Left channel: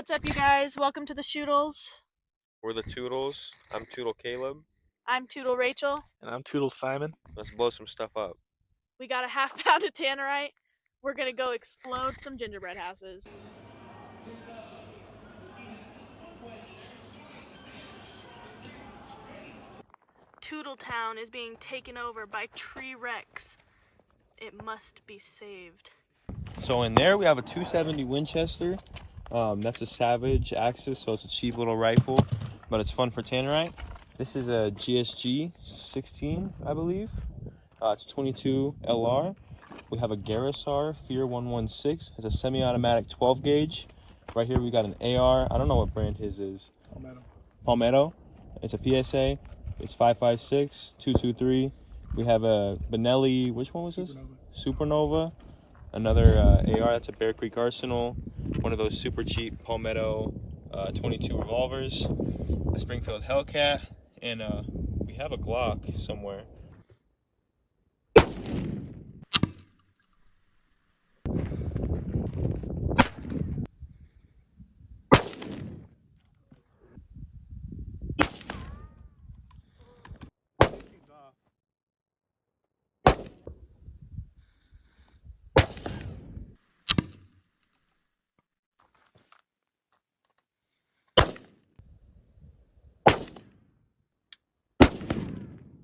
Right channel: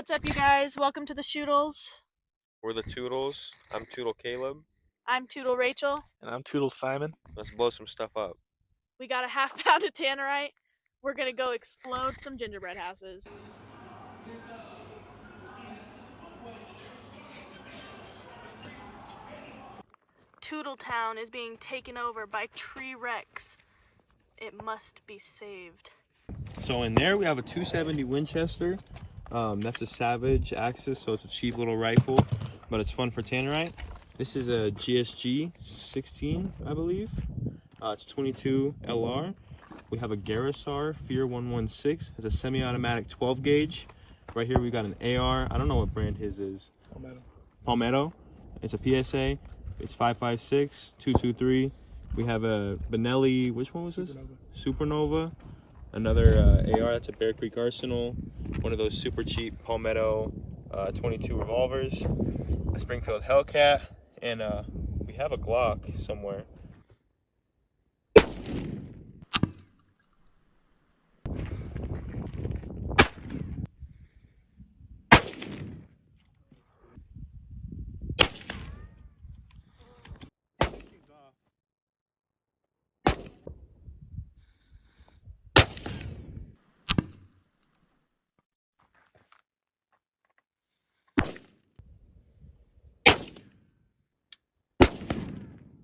What's up, you guys? Welcome to the Shootles. We're the Toodles. I'm Toodle Caleb. I'm Toodle Rachel. And I'm Toodle Simon. Let's blow some stuff up. We got a half pound of tannerite. We're gonna go explode some gingerbread houses. Toodletown is being taken over by tree wrecks. It must be saved. So in there we have a 270 Winchester. That's a Savage Axis, so it's a cheap little rifle, but it's fun for tannerite. This is a GSG 16, I believe. It's 22 LR. We have a Garrisar Fear 116. It's a semi-automatic 12 gauge. Right here we got an AR. I don't know what brand his is. Palmetto. It's a PSA. It's 5.56, 223. We have a Benelli. Which one was this? Supernova. Another AR. That's a Bear Creek Arsenal. One of those super cheap Palmetto 22 revolvers. A Springfield Hellcat, and we have a Glock somewhere.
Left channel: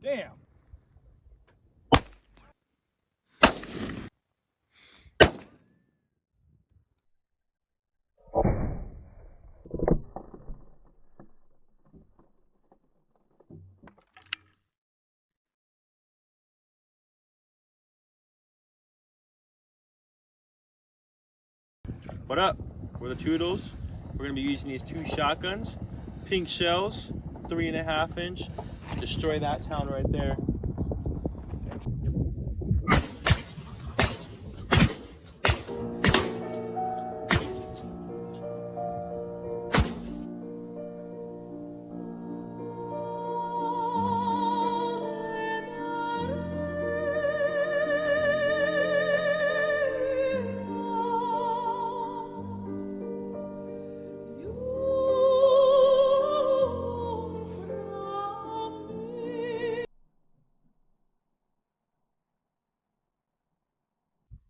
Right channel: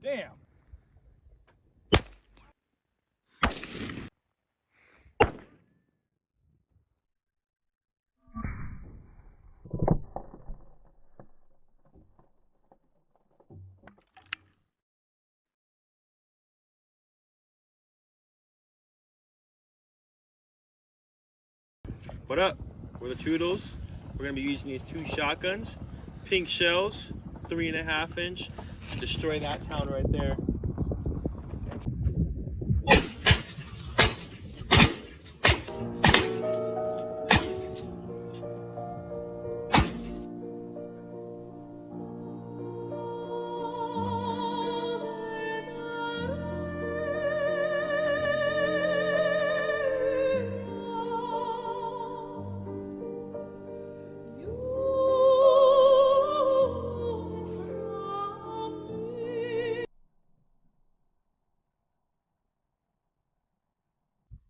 Damn. What up? We're the Toodles. We're gonna be using these two shotguns, pink shells, 3.5 inch. Destroy that town right there.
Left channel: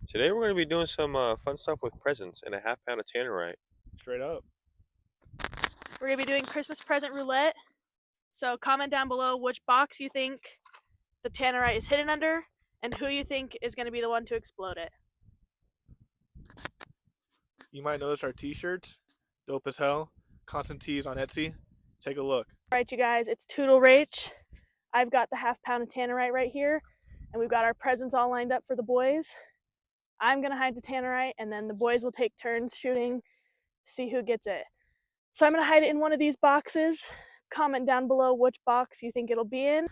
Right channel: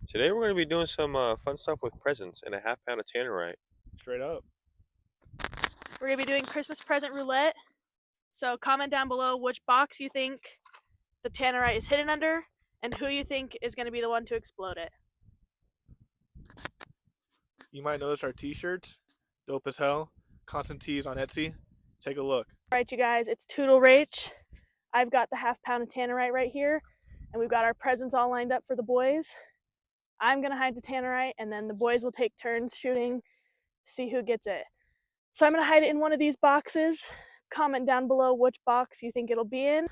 Today we're going to be doing some fun stuff with presents and a half pound of tannerite. Straight up. We're gonna be doing Christmas present roulette. So comment down below which box you think the tannerite is hidden under and who you think is gonna be the one to explode it. You might notice our t-shirts. Dope as hell. Constant tees on Etsy. Take a look. Alright, you guys, it's Toodle Rach. I've got the half pound of tannerite right here, and we've got our presents all lined up for the boys. I'm gonna hide the tannerite, and then the boys will take turns shooting, see who gets it. So I'm gonna hide it in one of these boxes. Comment down below which box you think it'll be in.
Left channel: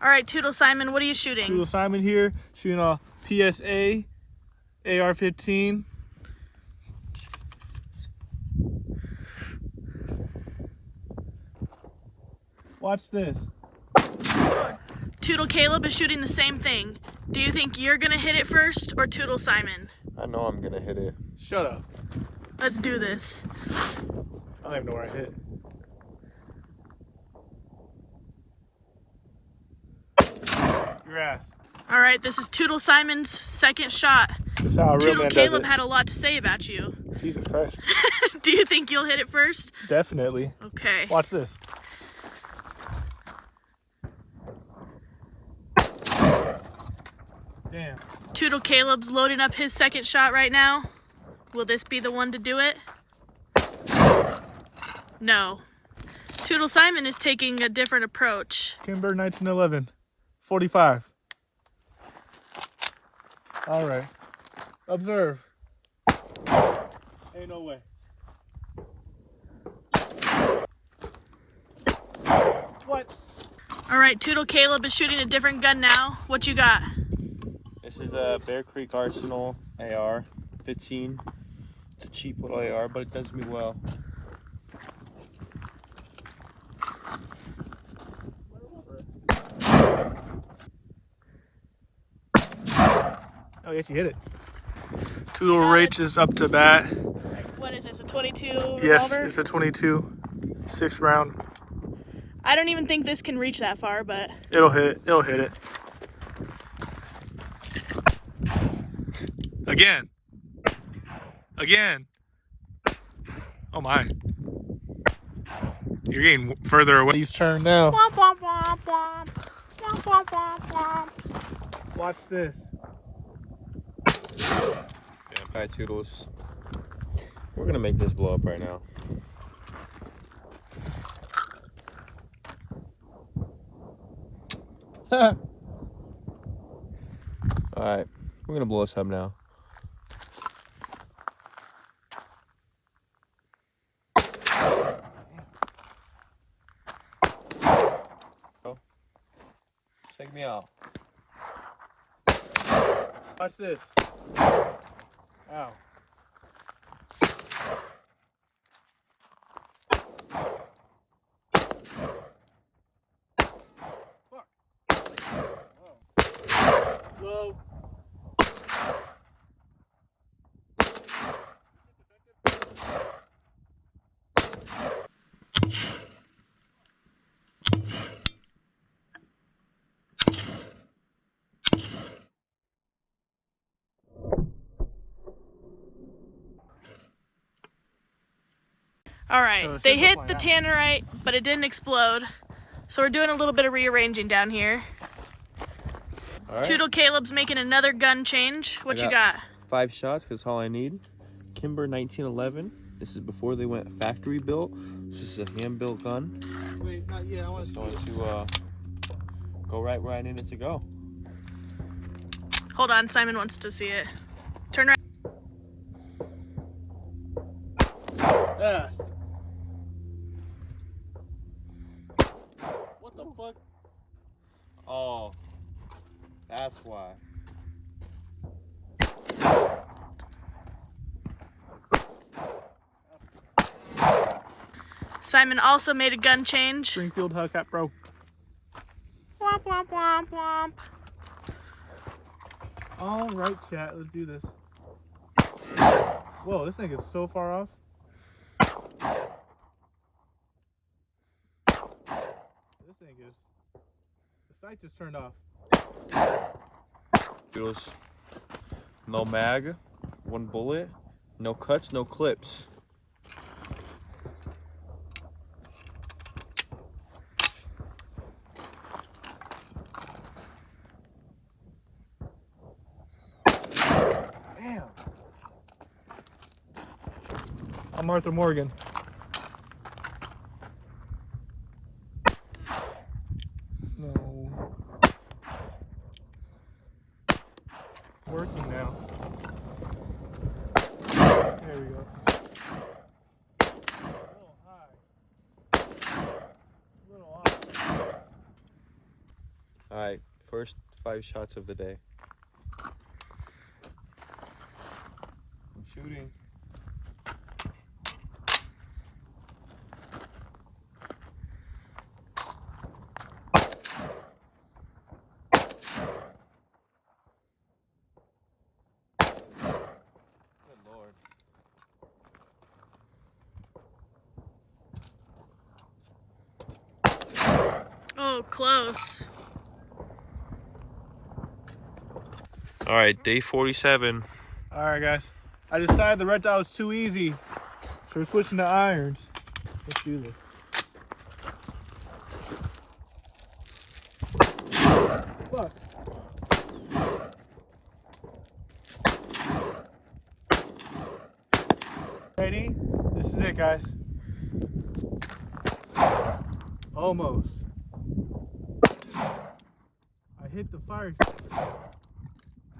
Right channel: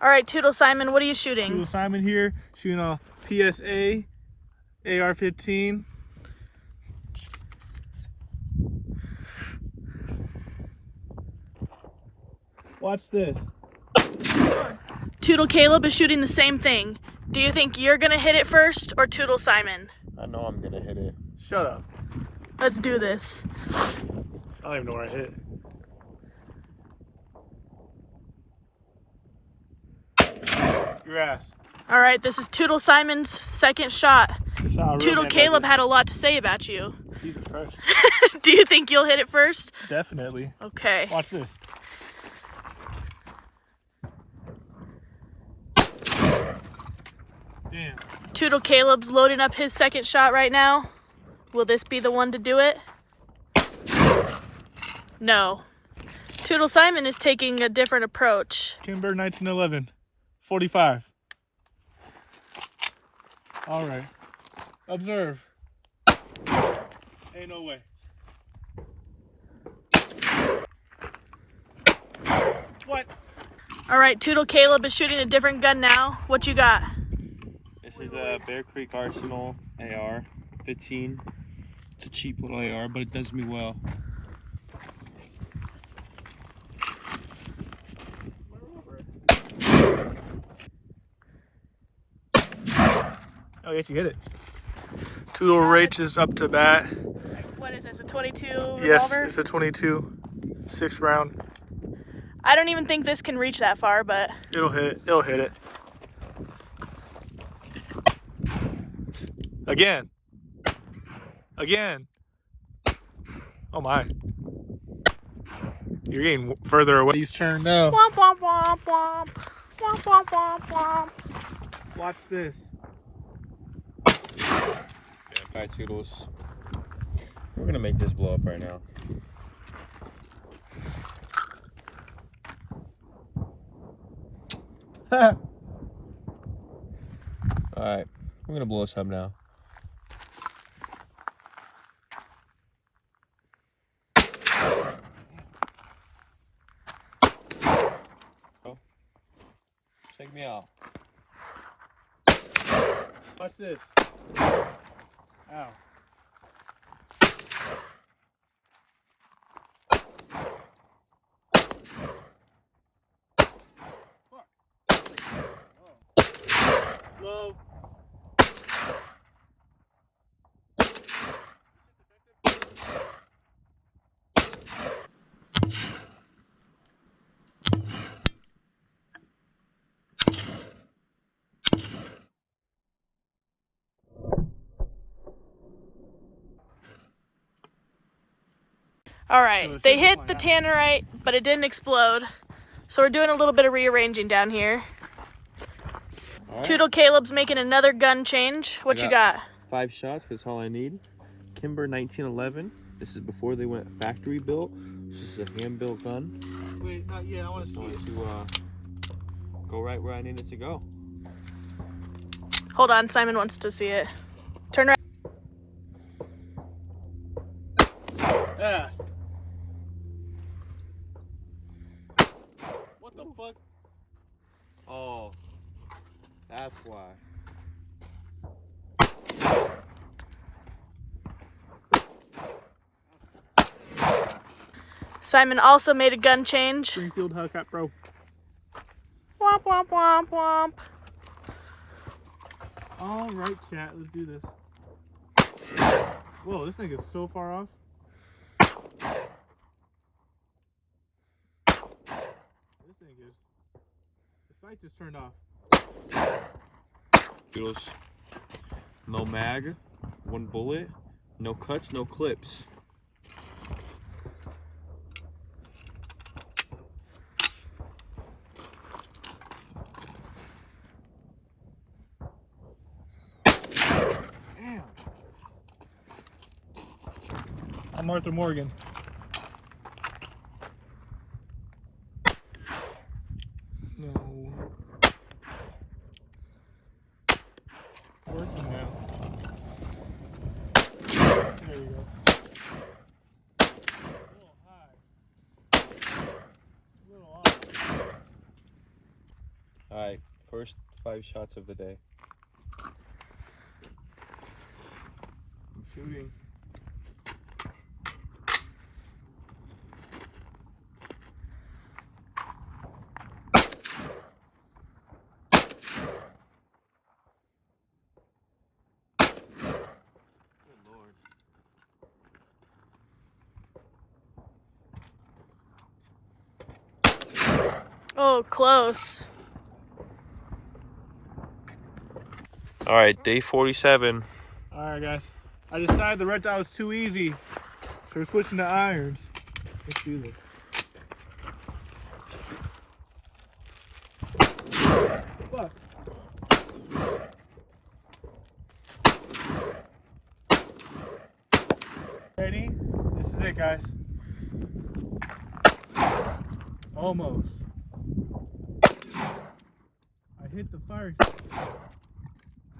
All right, Toodle Simon, what are you shooting? Toodle Simon here, shooting a PSA AR-15. Watch this. Toodle Caleb is shooting the same thing. Do you think you're gonna hit it first or Toodle Simon? I know I'm going to hit it. Shut up. Let's do this. I don't even know where I hit it. Your ass. All right, this is Toodle Simon's second shot. That's how a real Toodle man Caleb does had a lot to say about you. it. Jesus Christ. Do you think you'll hit it first? Definitely. Okay. Watch this. Damn. Toodle Caleb's loading up his second shot right now. Will this be the one to do it? No. Toodle Simon is taking a different approach. Kimber 1911. 45. All right. Observe. Ain't no way. What? All right, Toodle Caleb is shooting a different gun now. What you got? This is a Bear Creek Arsenal AR 15. It's a cheap little AR, but it does me well. Oh, yes, you hit it. Toodle Rach is up to bat. What is this, a 22 Yes, revolver? it's a 22, 6 round. I don't even think this can reach that far, but It'll hit it. Again. Oh my. You're getting further away. He's turned now. womp womp womp womp. Womp womp womp womp. Watch this. Alright, Toodles. We're gonna make this blow up right now. Alright, we're gonna blow this up now. Check me out. Watch this. Ow. Fuck. Oh. Low. All So right, it they should look hit like the that. tannerite, but it didn't explode. So we're doing a little bit of rearranging down here. Alright. Toodle Caleb's making another gun change. What you got? 5 shots, because that's all I need. Kimber 1911. This is before they went factory built. This is a hand built gun. Wait, not yet. I want to It's see going it. to go right where I need it to go. Hold on, Simon wants to see it. Turn right. Yes. What the fuck? Oh, that's why. Simon also made a gun change. Springfield Hellcat Pro. Womp womp womp womp. All right, chat. Let's do this. Whoa, this thing is so far off. This thing is. The sight just turned off. Toodles. No mag, 1 bullet, no cuts, no clips. Damn. I'm Arthur Morgan. No. Working now. There we go. A little high. A little off. Alright, first 5 shots of the day. I'm shooting. Good Lord. Oh, close. Alright, day 47. Alright, guys. I decided the red dot was too easy. So we're switching to irons. Let's do this. Fuck. Ready? This is it, guys. Almost. I hit the fire.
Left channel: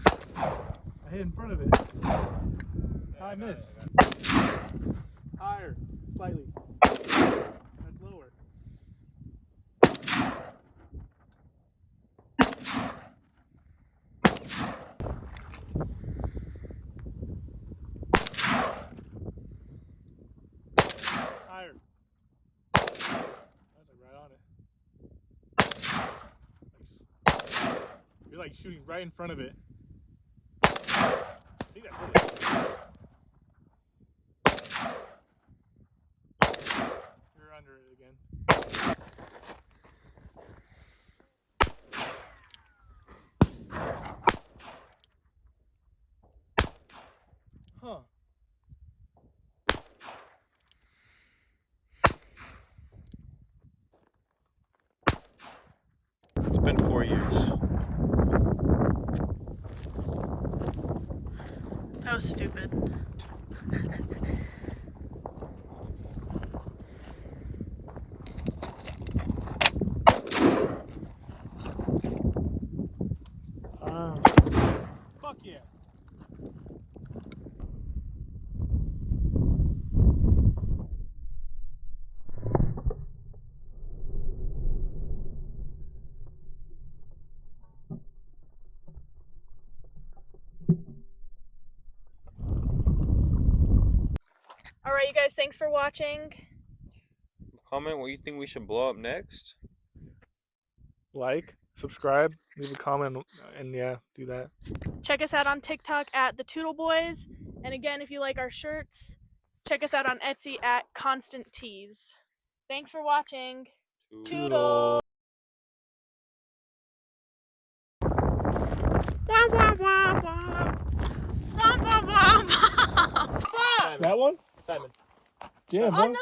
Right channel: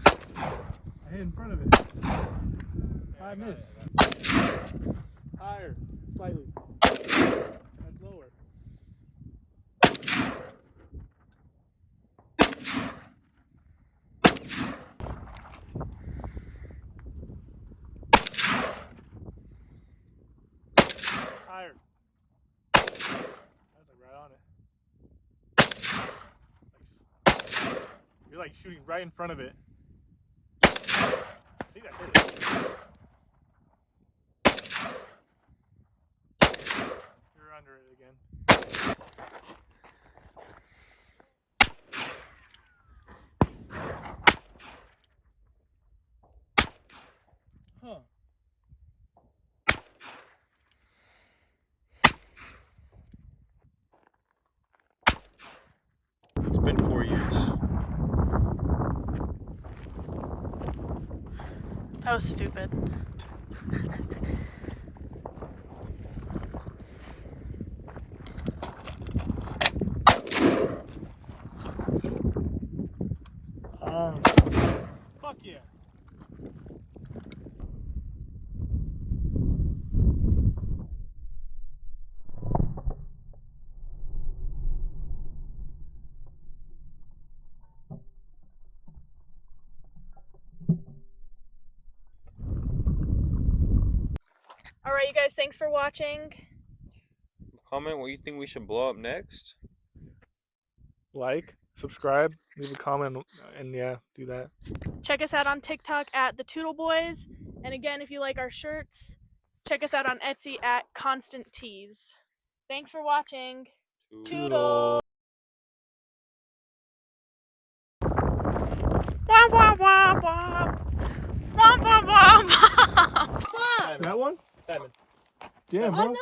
I hit in front of it. I missed. Higher. Slightly. That's lower. Higher. That's like right on it. You're like shooting right in front of it. I think I hit it. again. Huh. It's been 4 years. That was stupid. Fuck yeah. All right, you guys, thanks for watching. Comment what you think we should blow up next. Like, subscribe, leave a comment, and yeah, do that. Check us out on TikTok at the Toodle Boys. And again, if you like our shirts, check us out on Etsy at Constant Tees. Thanks for watching. Toodle. Wah, wah, wah, wah. Wah, wah, wah, wah. That one? Simon. Jam, On huh?